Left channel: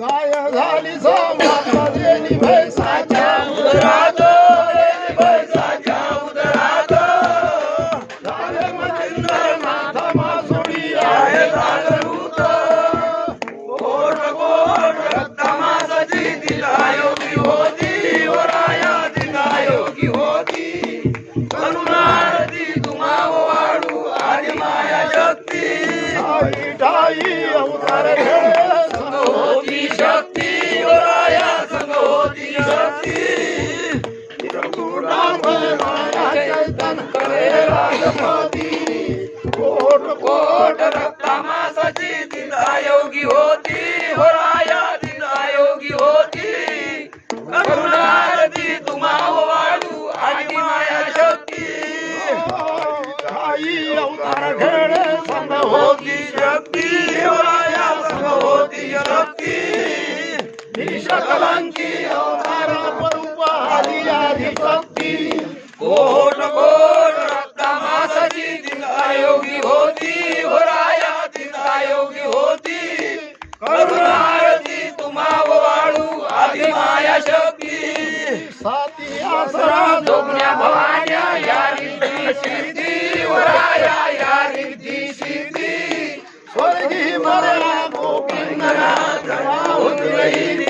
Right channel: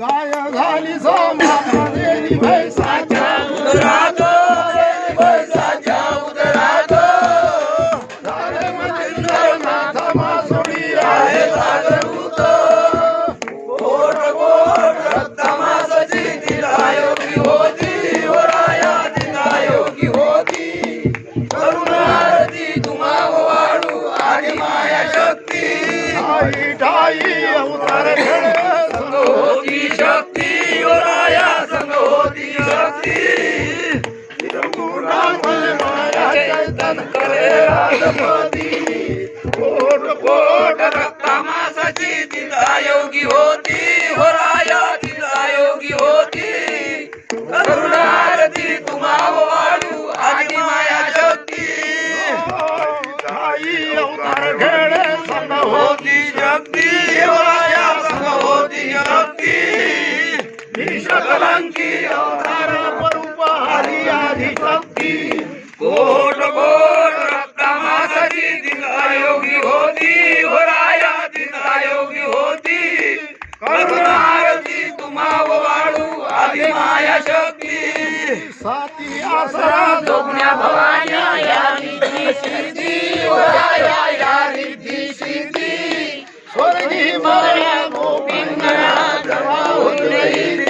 गाय झाली समाता देणी भैसाच्या उदरात देणी भैसाच्या उदरात झाले मच्छिंद्रनाथ मासोळी आहे जागरूक गोड गोड रक्तमासाची तिला योगी होती वराया तिला योगी होती करुणारती तुम्हा वाढू आदि माया शक्ती ठाई ठाई अवतार घेणे संग होती शक्ती वराया संग होती शक्ती चैतन करे राजपती कोट कोट रक्तमासाची तिला योगी होती वराया तिला योगी होती करुणारती तुम्हा वाढू आदि माया शक्ती ठाई अवतार घेणे संग होती शक्ती वराया संग होती शक्ती विषकलंकी अवतार स्वरूप आली आदि शक्ती कोट कोट रक्तमासाची तिला योगी होती वराया तिला योगी होती करुणारती तुम्हा वाढू आदि माया शक्ती साती आसरा जोगण्या भवान्या या रिद्धी सिद्धी वराया या रिद्धी सिद्धी स्वर्गी मला गोपिंगना जमा होत रही